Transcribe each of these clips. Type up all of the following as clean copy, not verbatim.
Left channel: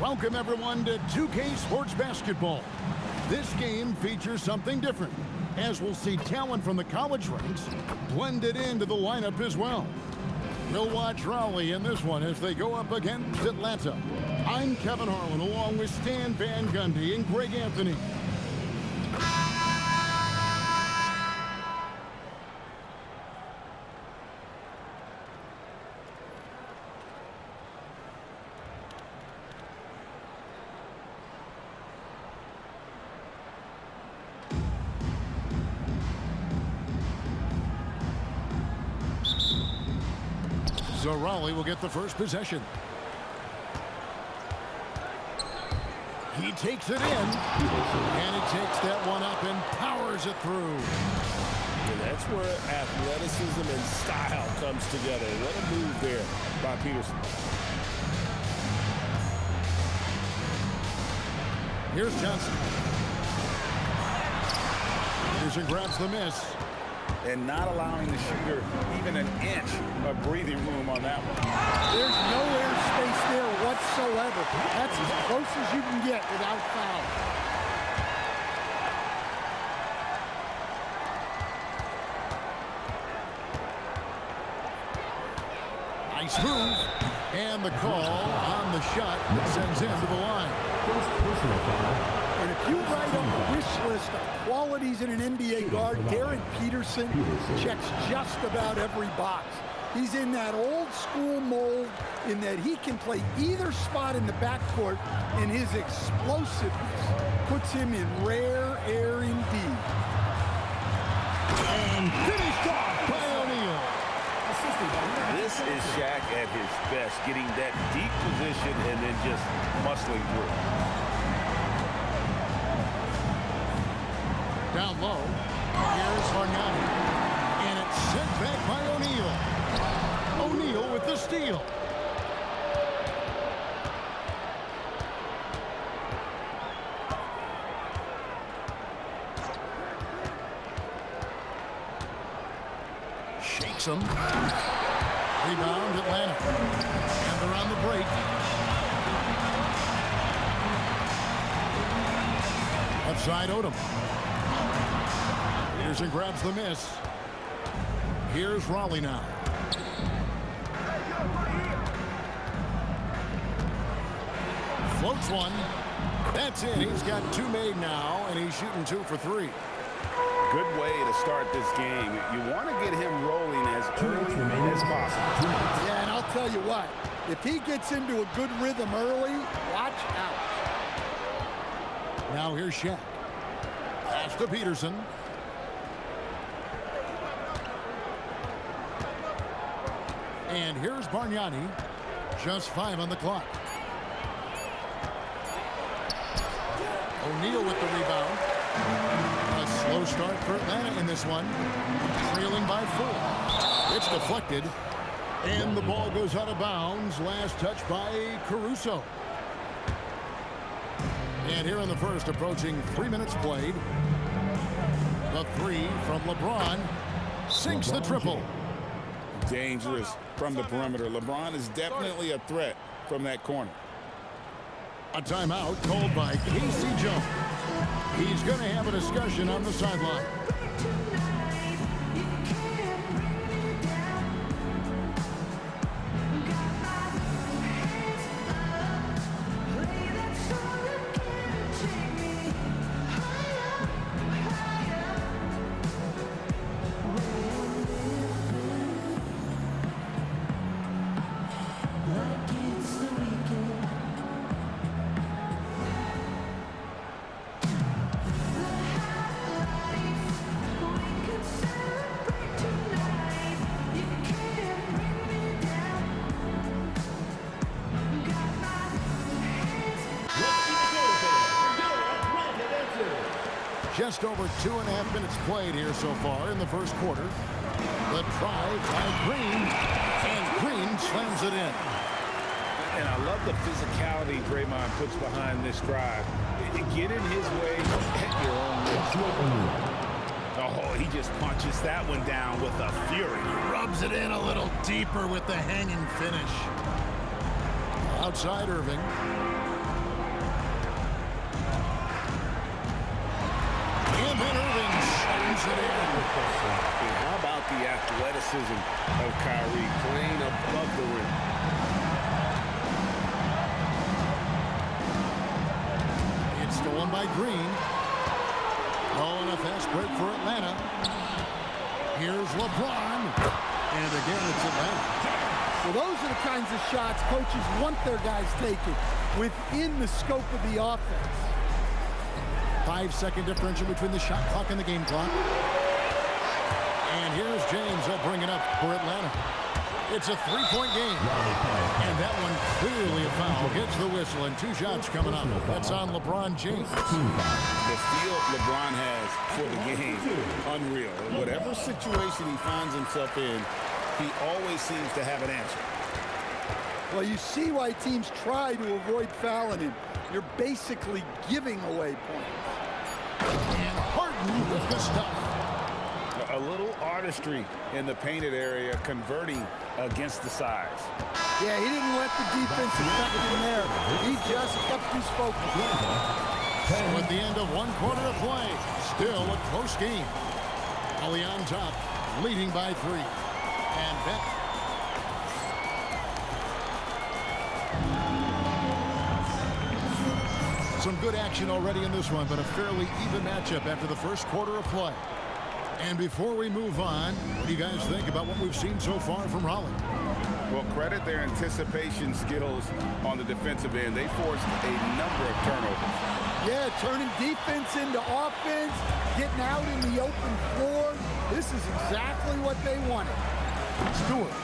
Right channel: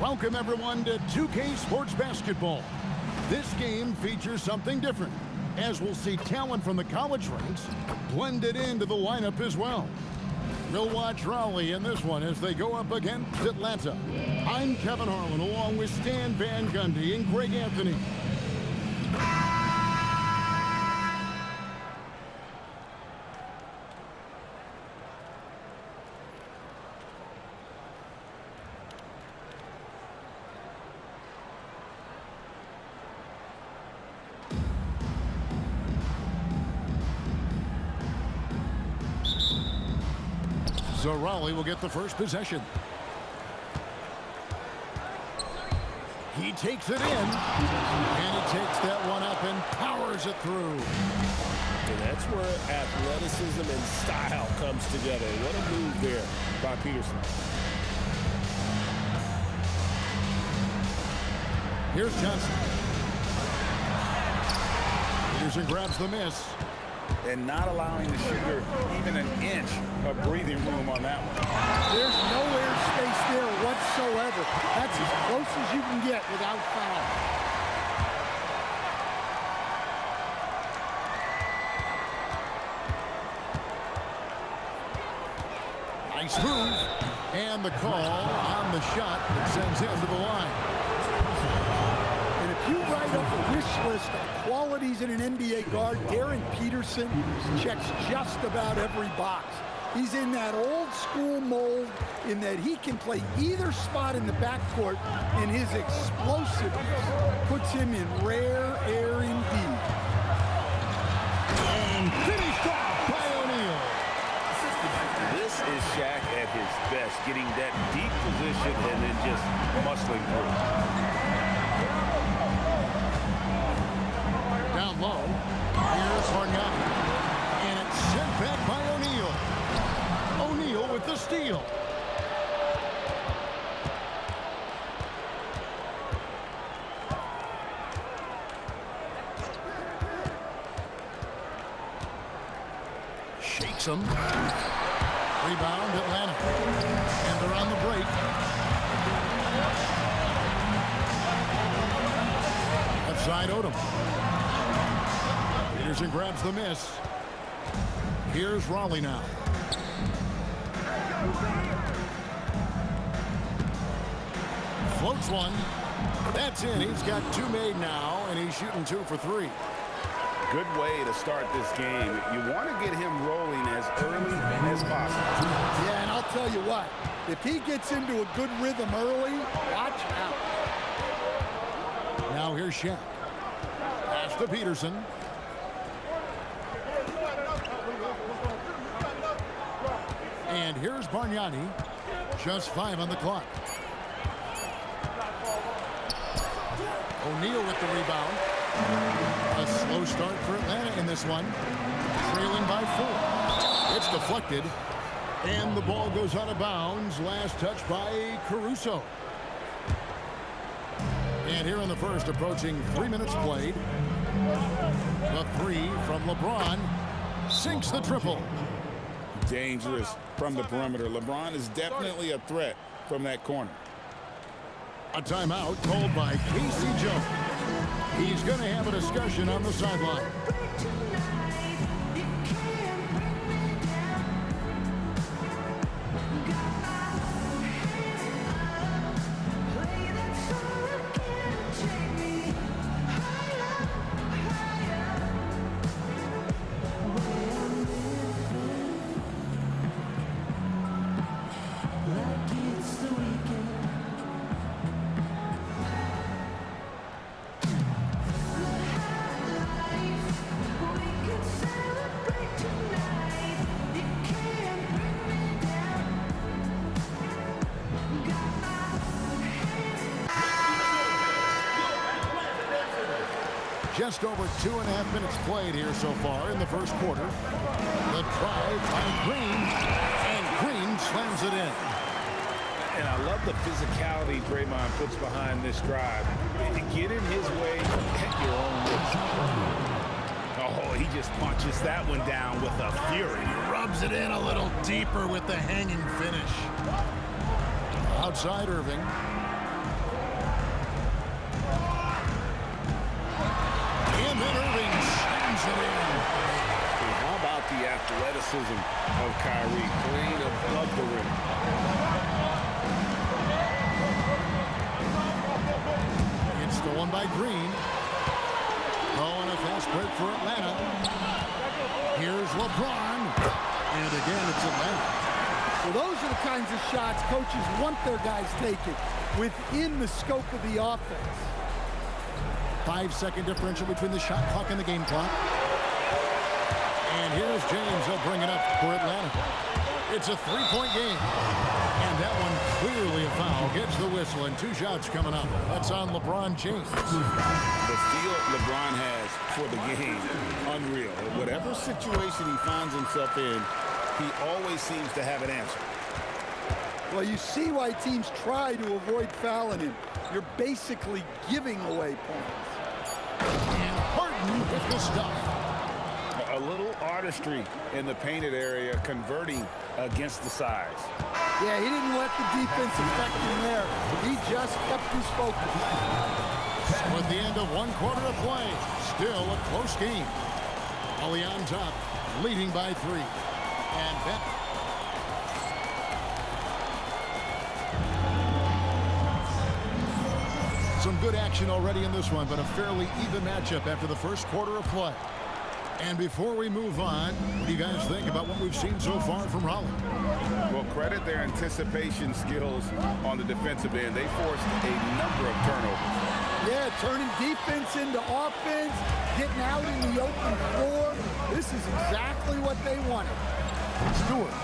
Welcome, everyone, to 2K Sports Basketball. This game features something different, as we'll see talent from the college ranks blended into the lineup as well. We'll watch Raleigh in this one as they go up against Atlanta. I'm Kevin Harlan, along with Stan Van Gundy and Greg Anthony. So Raleigh will get the first possession. He takes it in, and he takes that one up and powers it through. And that's where athleticism and style comes together. What a move there by Peterson. Here's Johnson. Peterson grabs the miss. And not allowing the shooter even an inch of breathing room on that one. There's no air space there whatsoever. That's as close as you can get without foul. Nice move. And the call on the shot that sends him to the line. And if you write up a wish list of qualities in an NBA guard, Darren Peterson checks just about every box. He's in that old school mold in that he can play either spot in the backcourt, and his explosiveness puts him in rare air indeed. And finished off by O'Neal. This is Shaq at his best, getting that deep position and then just muscling through. Down low, here's Bargnani, and it's sent back by O'Neal. O'Neal with the steal. Shakes him. Rebound, Atlanta. And they're on the break. Left side, Odom. Peterson grabs the miss. Here's Raleigh now. Floats one. That's in. He's got two made now, and he's shooting 2 for 3. Good way to start this game. You want to get him rolling as early as possible. Yeah, and I'll tell you what, if he gets into a good rhythm early, watch out. Now here's Shaq. Pass to Peterson. And here's Bargnani. Just 5 on the clock. O'Neal with the rebound. A slow start for Atlanta in this one. Trailing by 4. It's deflected. And the ball goes out of bounds. Last touch by Caruso. And here in the first, approaching 3 minutes played. The 3 from LeBron. Sinks the triple. Dangerous from the perimeter. LeBron is definitely a threat from that corner. A timeout called by Casey Jones. He's going to have a discussion on the sideline. Just over 2.5 minutes played here so far in the first quarter. The drive by Green, and Green slams it in. And I love the physicality Draymond puts behind this drive. Get in his way at your own risk. Oh, he just punches that one down with a fury. He rubs it in a little deeper with the hanging finish. Outside Irving. And then Irving slams it in. And how about the athleticism of Kyrie playing above the rim? It's stolen by Green. Oh, and a fast break for Atlanta. Here's LeBron. And again, it's Atlanta. Well, those are the kinds of shots coaches want their guys taking within the scope of the offense. 5-second differential between the shot clock and the game clock. And here's James. He'll bring it up for Atlanta. It's a three-point game. And that one clearly a foul. Gets the whistle, and 2 shots coming up. That's on LeBron James. The feel LeBron has for the game, unreal. In whatever situation he finds himself in, he always seems to have an answer. Well, you see why teams try to avoid fouling him. You're basically giving away points. And Harden with the stuff. A little artistry in the painted area, converting against the size. Yeah, he didn't let the defense affect him there. He just kept his focus. With the end of 1 quarter of play, still a close game. Ali on top, leading by 3. And Beck. Some good action already in this one, but a fairly even matchup after the first quarter of play. And before we move on, what do you guys think about what we've seen so far from Raleigh? Well, credit their anticipation skills on the defensive end. They forced a number of turnovers. Yeah, turning defense into offense, getting out in the open floor. This is exactly what they wanted. Stewart.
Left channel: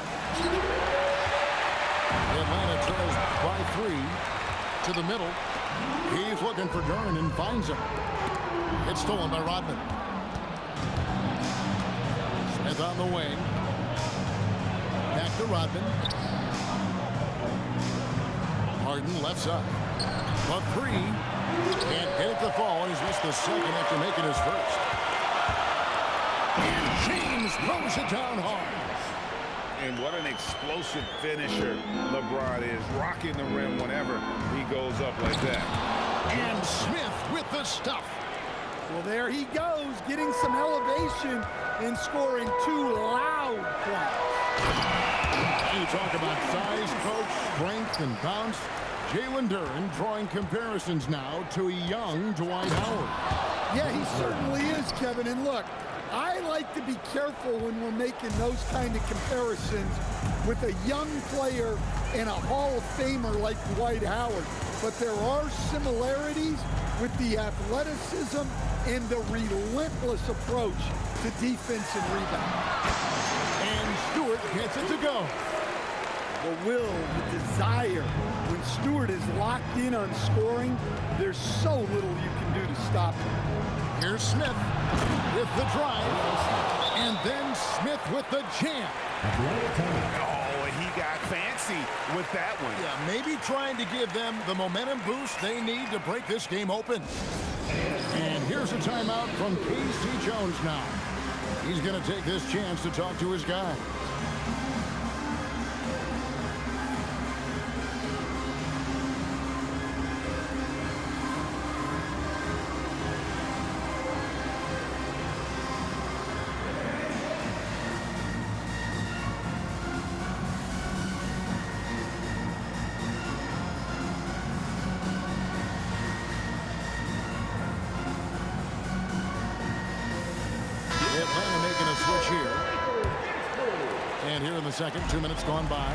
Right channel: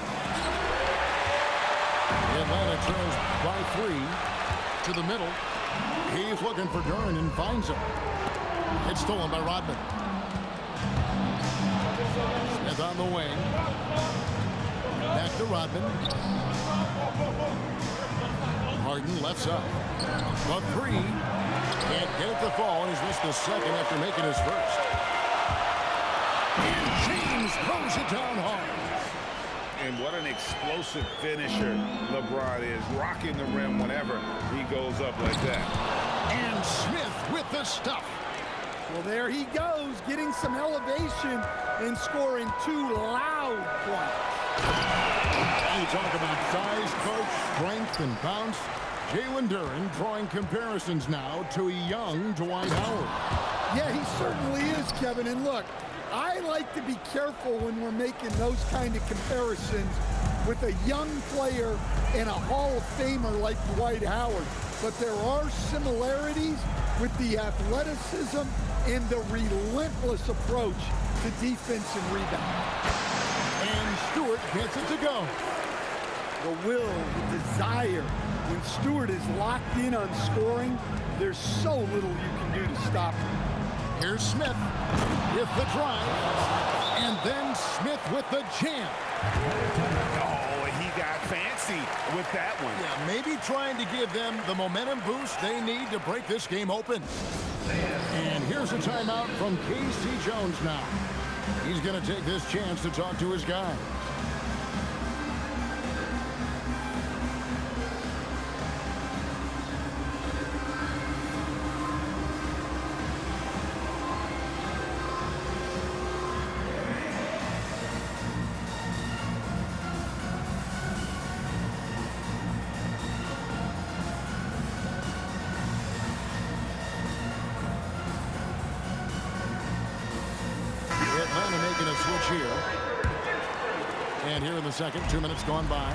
Atlanta trails by 3 to the middle. He's looking for Dern and finds him. It's stolen by Rodman. Smith on the wing. Back to Rodman. Harden left side. The 3. Can't get it to fall, and he's missed the second after making his first. And James throws it down hard. And what an explosive finisher LeBron is, rocking the rim whenever he goes up like that. And Smith with the stuff. Well, there he goes, getting some elevation and scoring 2 loud points. You talk about size, coach, strength, and bounce. Jalen Duren drawing comparisons now to a young Dwight Howard. Yeah, he certainly is, Kevin. And look, I like to be careful when we're making those kind of comparisons with a young player and a Hall of Famer like Dwight Howard. But there are similarities with the athleticism and the relentless approach to defense and rebound. And Stewart gets it to go. The will, the desire. When Stewart is locked in on scoring, there's so little you can do to stop him. Here's Smith with the drive. And then Smith with the jam. Oh, he got fancy with that one. Yeah, maybe trying to give them the momentum boost they need to break this game open. And here's a timeout from K.C. Jones now. He's going to take this chance to talk to his guy. Atlanta making a switch here. And here in the second, 2 minutes gone by.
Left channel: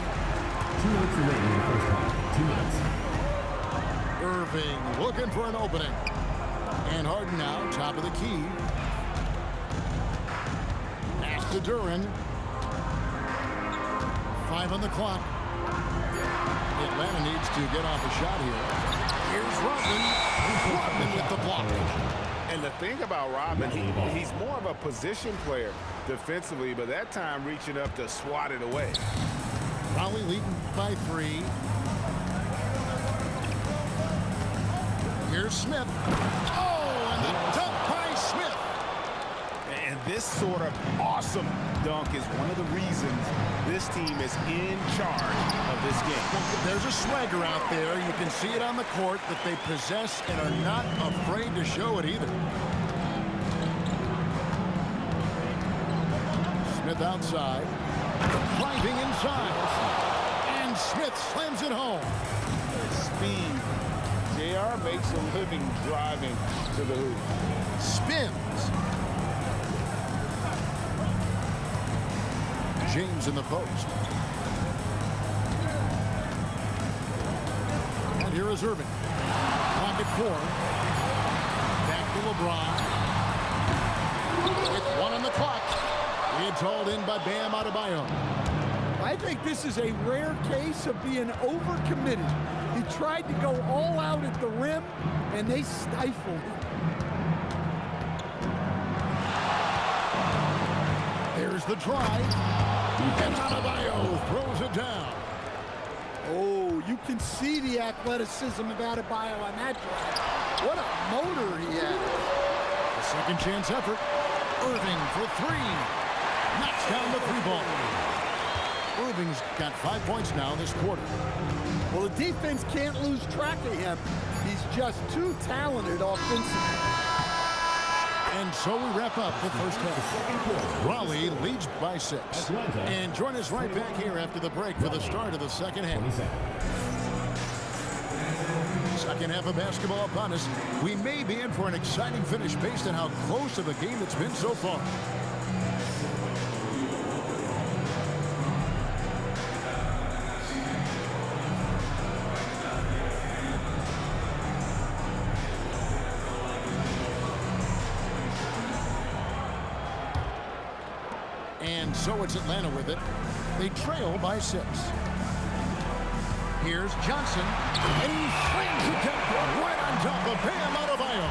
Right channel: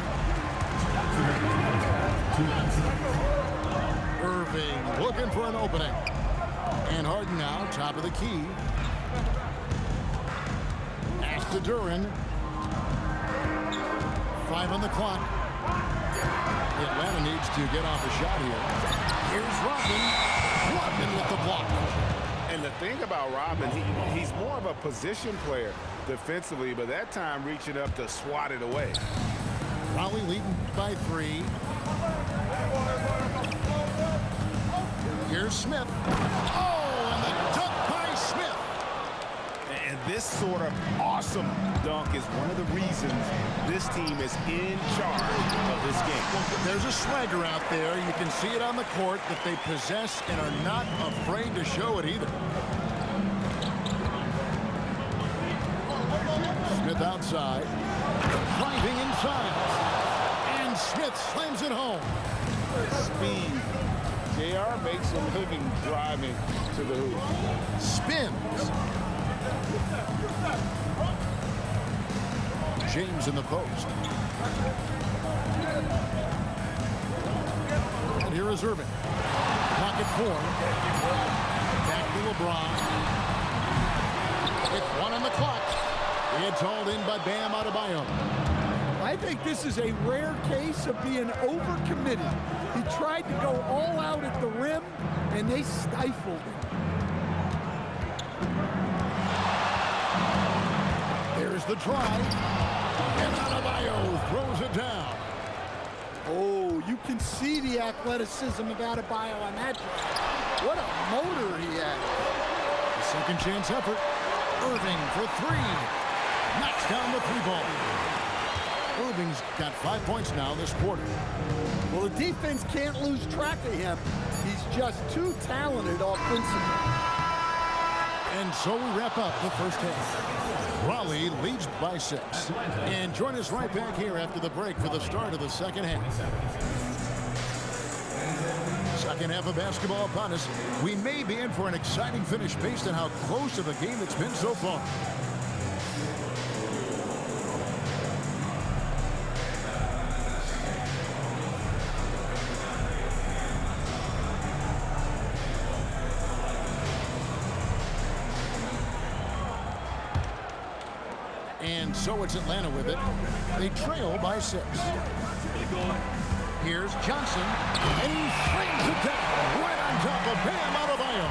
Irving looking for an opening. And Harden now, top of the key. Pass to Duran. 5 on the clock. Atlanta needs to get off a shot here. Here's Rodman. Rodman with the block. And the thing about Rodman, he's more of a position player defensively, but that time reaching up to swat it away. Raleigh leading by 3. Here's Smith. Oh, and the dunk by Smith. And this sort of awesome dunk is one of the reasons this team is in charge of this game. Well, there's a swagger out there. You can see it on the court that they possess and are not afraid to show it either. Smith outside. Driving inside. And Smith slams it home. Speed. JR makes a living driving to the hoop. Spins. James in the post. And here is Irving. Clock at 4. Back to LeBron. With 1 on the clock. It's hauled in by Bam Adebayo. I think this is a rare case of being overcommitted. He tried to go all out at the rim, and they stifled him. There's the drive. And Adebayo throws it down. Oh, you can see the athleticism of Adebayo on that drive. What a motor he has. The second chance effort. Irving for 3. Knocks down the 3-ball. Irving's got 5 points now this quarter. Well, the defense can't lose track of him. He's just too talented offensively. And so we wrap up the first half. Raleigh leads by 6. And join us right back here after the break for the start of the second half. Second half of basketball upon us. We may be in for an exciting finish based on how close of a game it's been so far. And so it's Atlanta with it. They trail by 6. Here's Johnson, and he slams it down right on top of Bam Adebayo.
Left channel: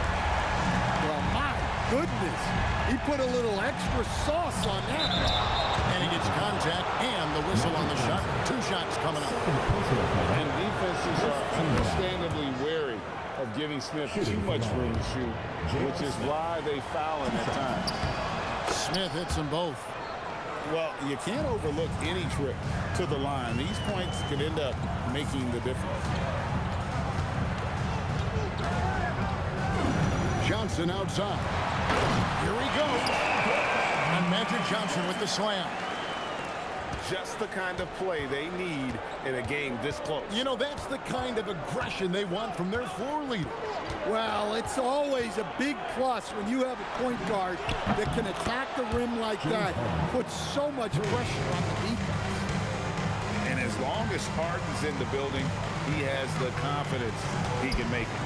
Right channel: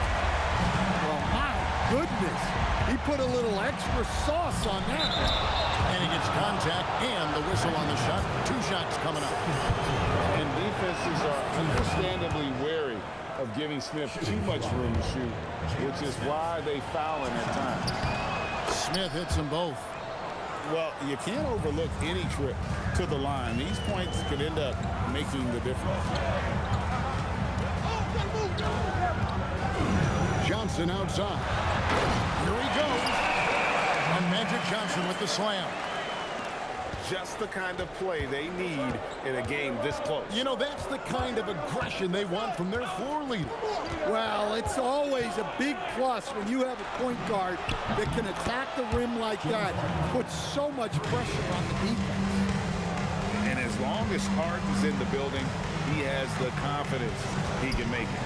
Well, my goodness. He put a little extra sauce on that one. And he gets contact and the whistle on the shot. 2 shots coming up. And defenses are understandably wary of giving Smith too much room to shoot, which is why they foul him at times. Smith hits them both. Well, you can't overlook any trip to the line. These points could end up making the difference. Johnson outside. Here he goes. And Magic Johnson with the slam. Just the kind of play they need in a game this close. You know, that's the kind of aggression they want from their floor leader. Well, it's always a big plus when you have a point guard that can attack the rim like that, puts so much pressure on the defense. And as long as Harden's in the building, he has the confidence he can make it.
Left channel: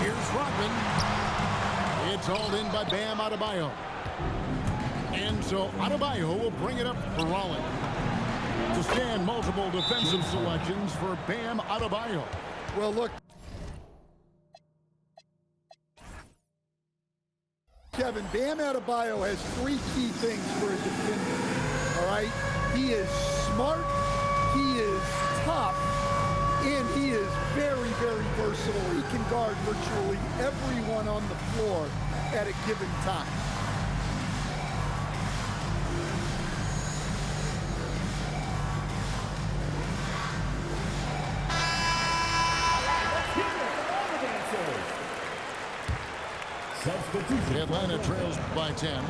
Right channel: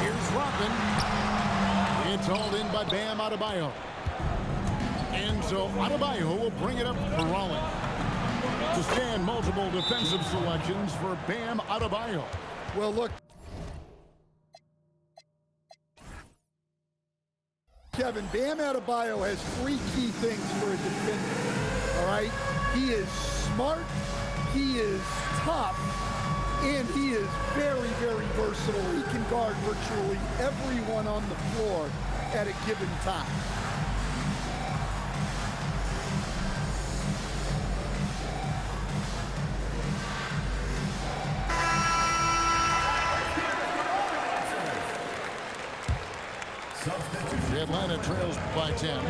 Here's Rodman. It's hauled in by Bam Adebayo. And so Adebayo will bring it up for Raleigh. To stand, multiple defensive selections for Bam Adebayo. Well, look, Kevin, Bam Adebayo has 3 key things for a defender, all right? He is smart, he is tough, and he is very, very versatile. He can guard virtually everyone on the floor at a given time. Atlanta trails by 10.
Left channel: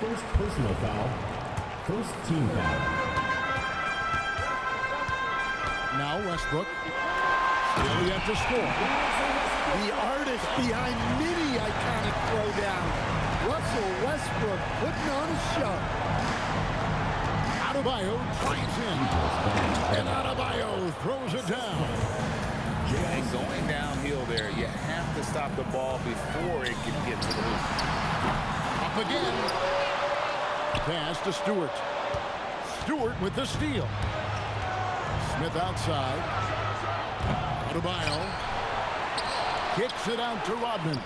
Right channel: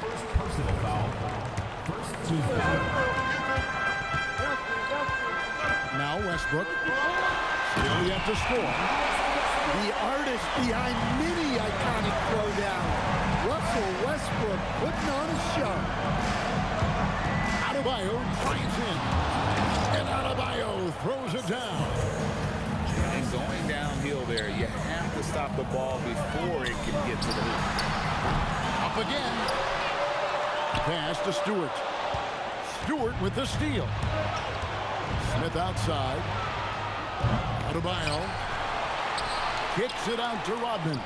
First personal foul. First team foul. Now Westbrook. Still yet to score. The artist behind many iconic throwdowns. Russell Westbrook putting on a show. Adebayo drives in. And Adebayo throws it down. And going downhill there, you have to stop the ball before it can get to the hoop. Up again. Pass to Stewart. Stewart with the steal. Smith outside. Adebayo kicks it out to Rodman.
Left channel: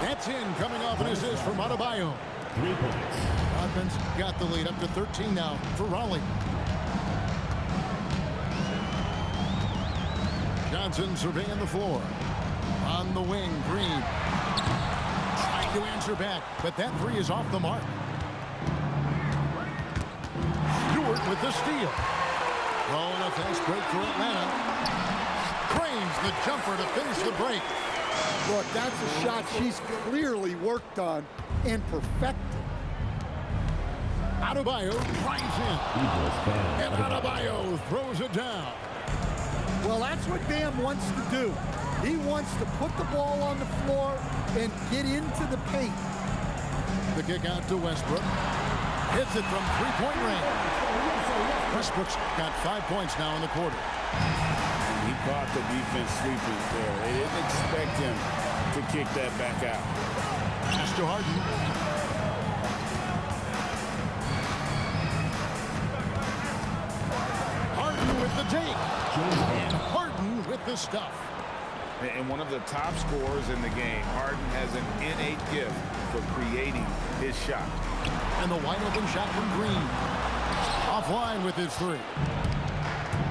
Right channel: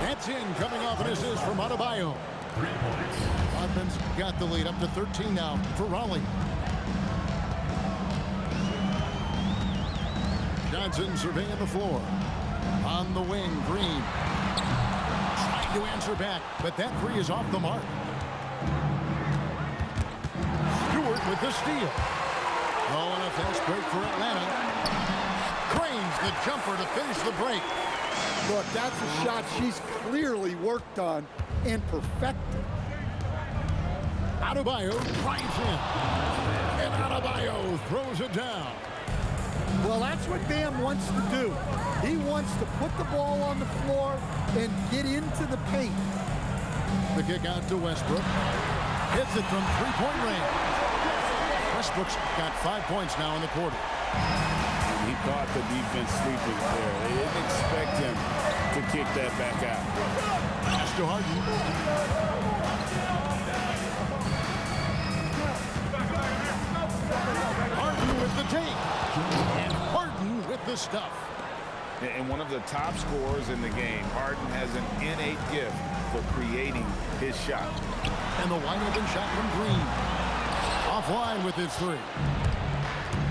That's in, coming off an assist from Adebayo. 3 points. Rodman's got the lead up to 13 now for Raleigh. Johnson surveying the floor. On the wing, Green. Trying to answer back, but that three is off the mark. Stewart with the steal. Oh, and a fast break for Atlanta. Cranes the jumper to finish the break. Look, that's a shot she's clearly worked on and perfected. Adebayo drives in. And Adebayo throws it down. Well, that's what Bam wants to do. He wants to put the ball on the floor and get into the paint. The kick out to Westbrook. Hits it from three-point range. Westbrook's got 5 points now in the quarter. And he caught the defense sleeping there. They didn't expect him to kick that back out. Pass to Harden. Harden with the take. And Harden with the stuff. And one of the top scorers in the game, Harden has an innate gift for creating his shot. And the wide open shot from Green. Offline with his three.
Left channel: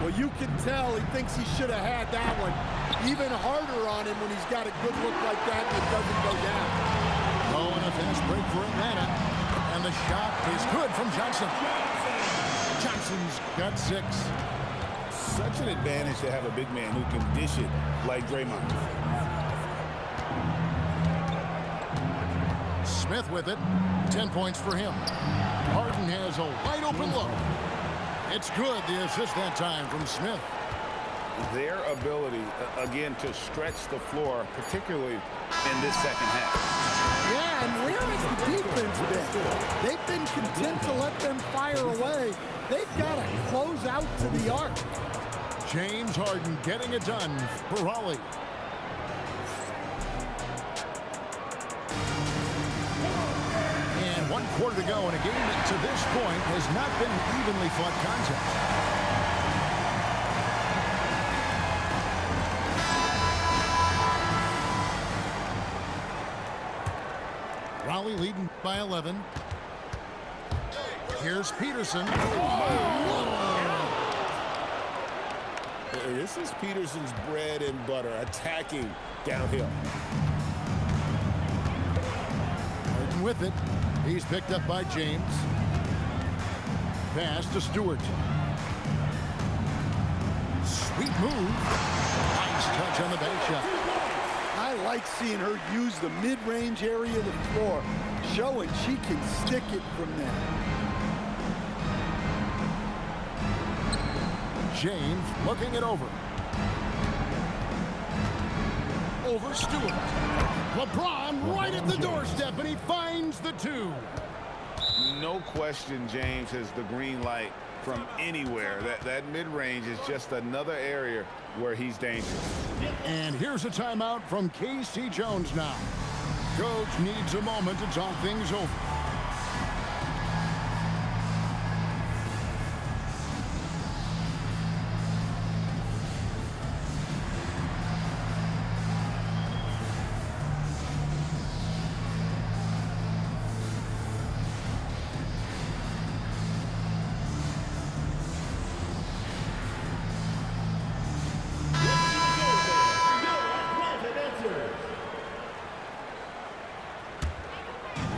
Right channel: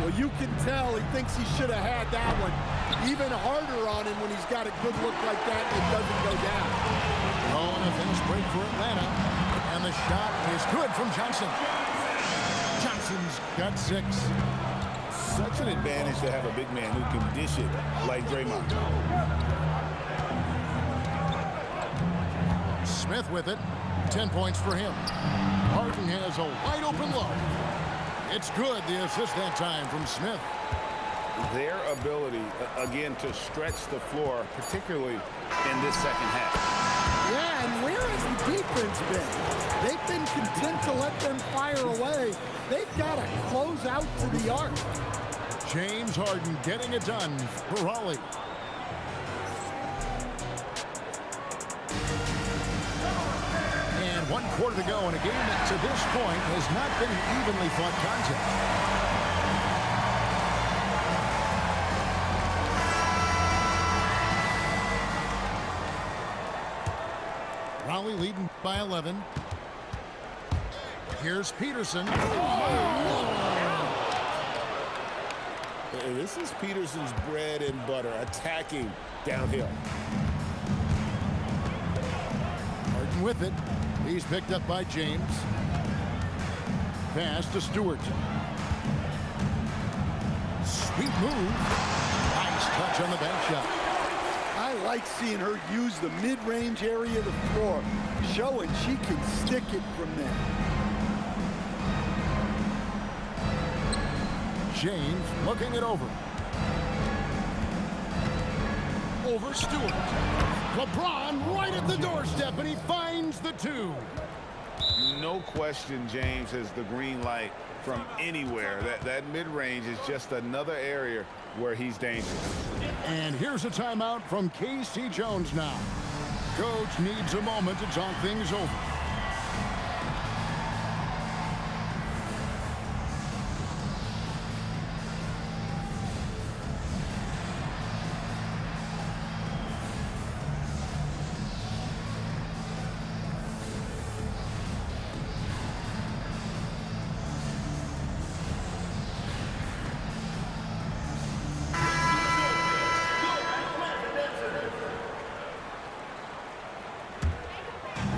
Well, you can tell he thinks he should have had that one. Even harder on him when he's got a good look like that and it doesn't go down. Oh, and a fast break for Atlanta. And the shot is good from Johnson. Johnson's got 6. Such an advantage to have a big man who can dish it like Draymond. Smith with it. 10 points for him. Harden has a wide open look. It's good, the assist that time from Smith. Their ability, again, to stretch the floor, particularly in this second half. Yeah, and where has the defense been? They've been content to let them fire away. They've got to close out to the arc. James Harden getting it done for Raleigh. And 1 quarter to go in a game that to this point has not been an evenly fought contest. Raleigh leading by 11. Here's Peterson. This is Peterson's bread and butter, attacking downhill. Harden with it. He's picked up by James. Pass to Stewart. Sweet move. Nice touch on the bank shot. I like seeing her use the mid-range area of the floor, showing she can stick it from there. James looking it over. Over Stewart. LeBron right at the doorstep, and he finds the 2. No question James has the green light from anywhere. That mid-range is just another area where he's dangerous. And here's a timeout from K.C. Jones now. Coach needs a moment to talk things over.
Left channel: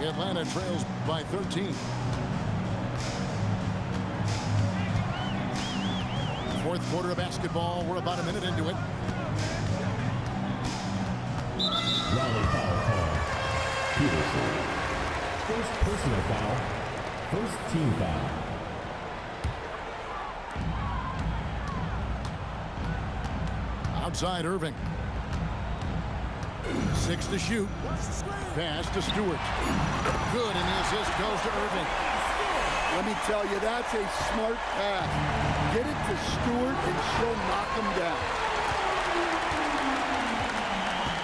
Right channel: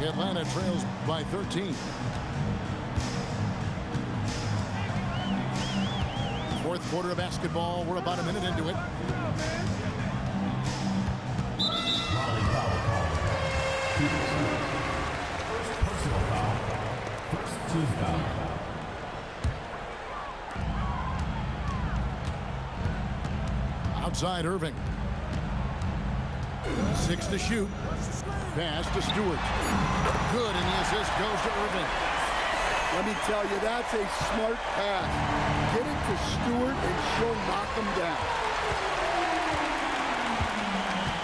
Atlanta trails by 13. Fourth quarter of basketball. We're about a minute into it. Raleigh foul call. Peterson. First personal foul. First team foul. Outside Irving. 6 to shoot. Pass to Stewart. Good, and the assist goes to Irving. Let me tell you, that's a smart pass. Get it to Stewart, and she'll knock him down.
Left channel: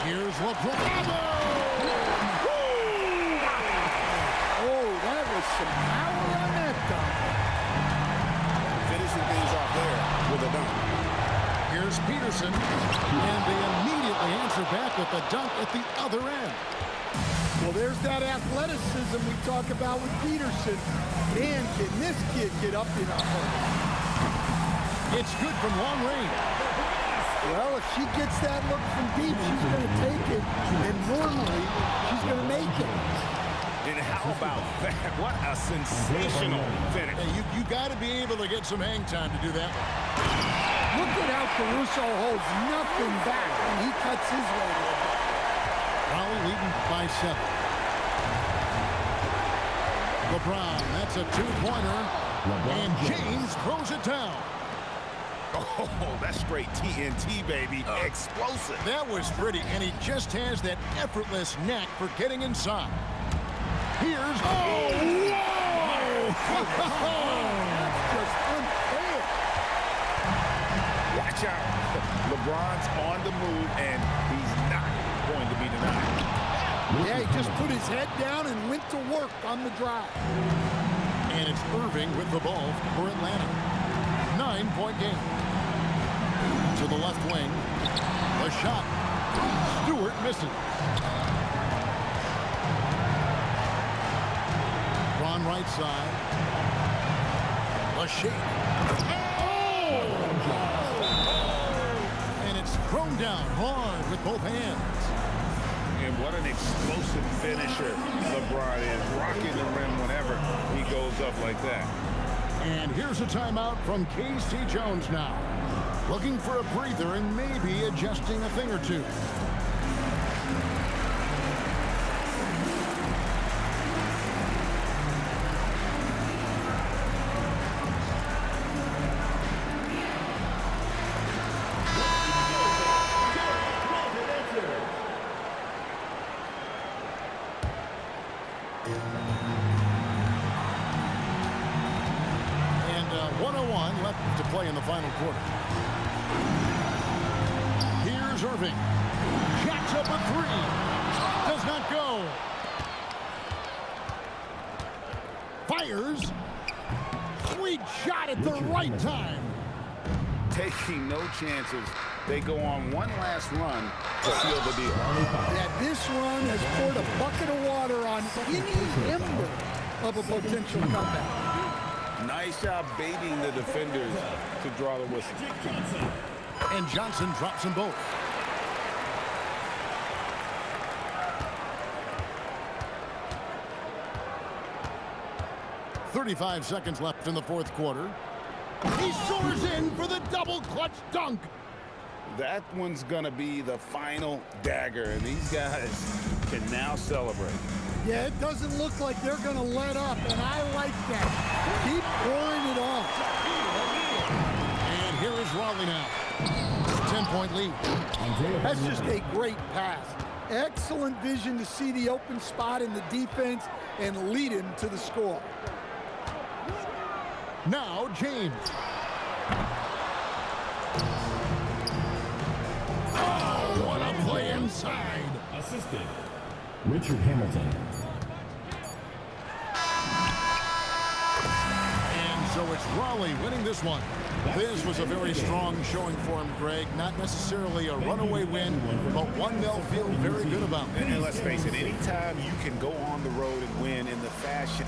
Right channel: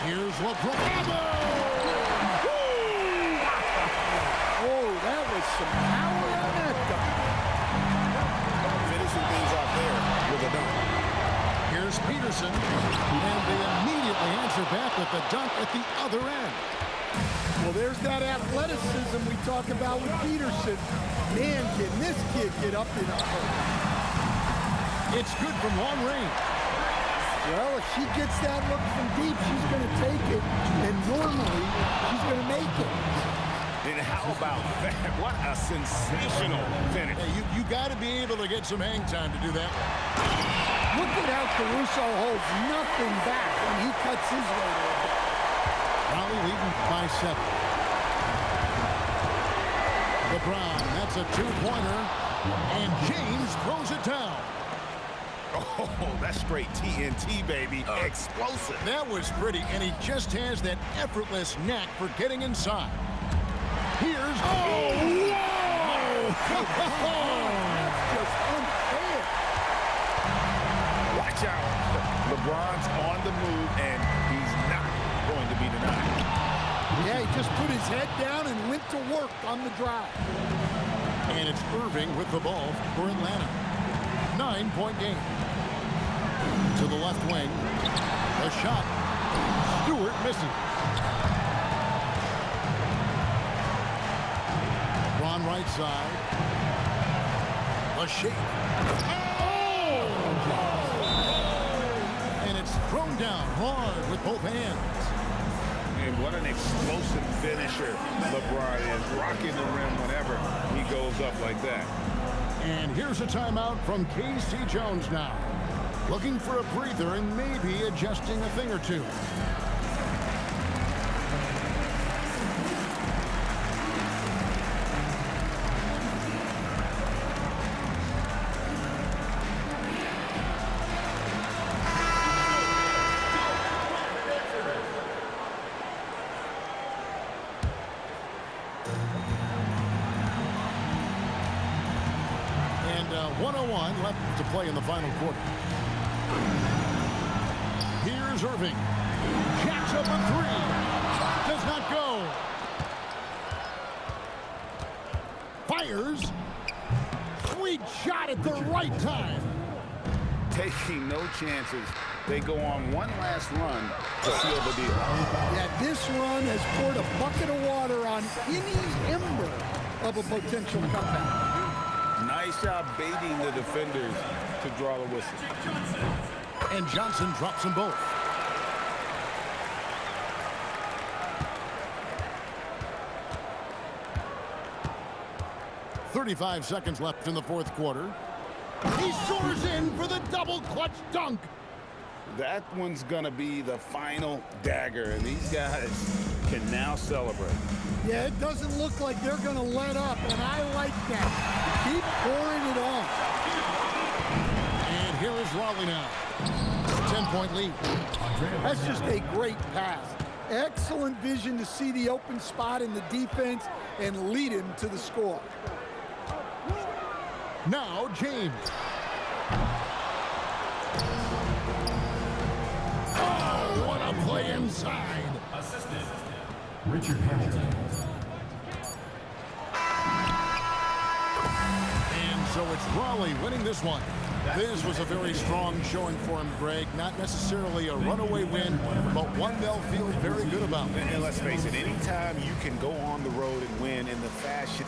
Here's LeBron. Oh, that was some power on that dunk. Finishing things off there with a dunk. Here's Peterson, and they immediately answer back with the dunk at the other end. Well, there's that athleticism we talk about with Peterson. Man, can this kid get up in a hurry. It's good from long range. Well, if she gets that look from deep, she's going to take it, and normally she's going to make it. And how about that? What a sensational finish. Hey, you got to be able to get some hang time to do that one. Look at how Caruso holds nothing back when he cuts his way to a bucket. Raleigh leading by 7. LeBron, that's a 2-pointer, and James throws it down. Oh, that's straight TNT, baby. Explosive. That was pretty, and he just has that effortless knack for getting inside. Here's... Oh, whoa! That's just unfair. Watch out. LeBron's on the move, and he's not going to be denied. Yeah, he just put his head down and went to work on the drive. And it's Irving with the ball for Atlanta. 9-point game. To the left wing. The shot. Stewart misses. Ron right side. The shake. Oh! And it's thrown down hard with both hands. And what an explosive finisher LeBron is, rocking the rim whenever he goes up like that. And here's a timeout from K.C. Jones now. Looking for a breather and maybe adjusting a thing or two. And 1:01 left to play in the final quarter. Here's Irving. Jacks up a 3. Does not go. Fires. Sweet shot at the right time. Taking no chances. They go on one last run to seal the deal. Yeah, this run has poured a bucket of water on any ember of a potential comeback. Nice job baiting the defenders to draw the whistle. And Johnson drops them both. .35 seconds left in the fourth quarter. He soars in for the double clutch dunk. That one's going to be the final dagger, and these guys can now celebrate. Yeah, it doesn't look like they're going to let up, and I like that. Keep pouring it on. And here is Raleigh now. 10-point lead. That's just a great pass. Excellent vision to see the open spot in the defense and lead him to the score. Now James. Oh, what a play inside. Assisted, Richard Hamilton. And so it's Raleigh winning this one. This was a very strong showing for him, Greg. Not necessarily a runaway win, but one they'll feel very good about. And let's face it, anytime you can go on the road and win in the fashion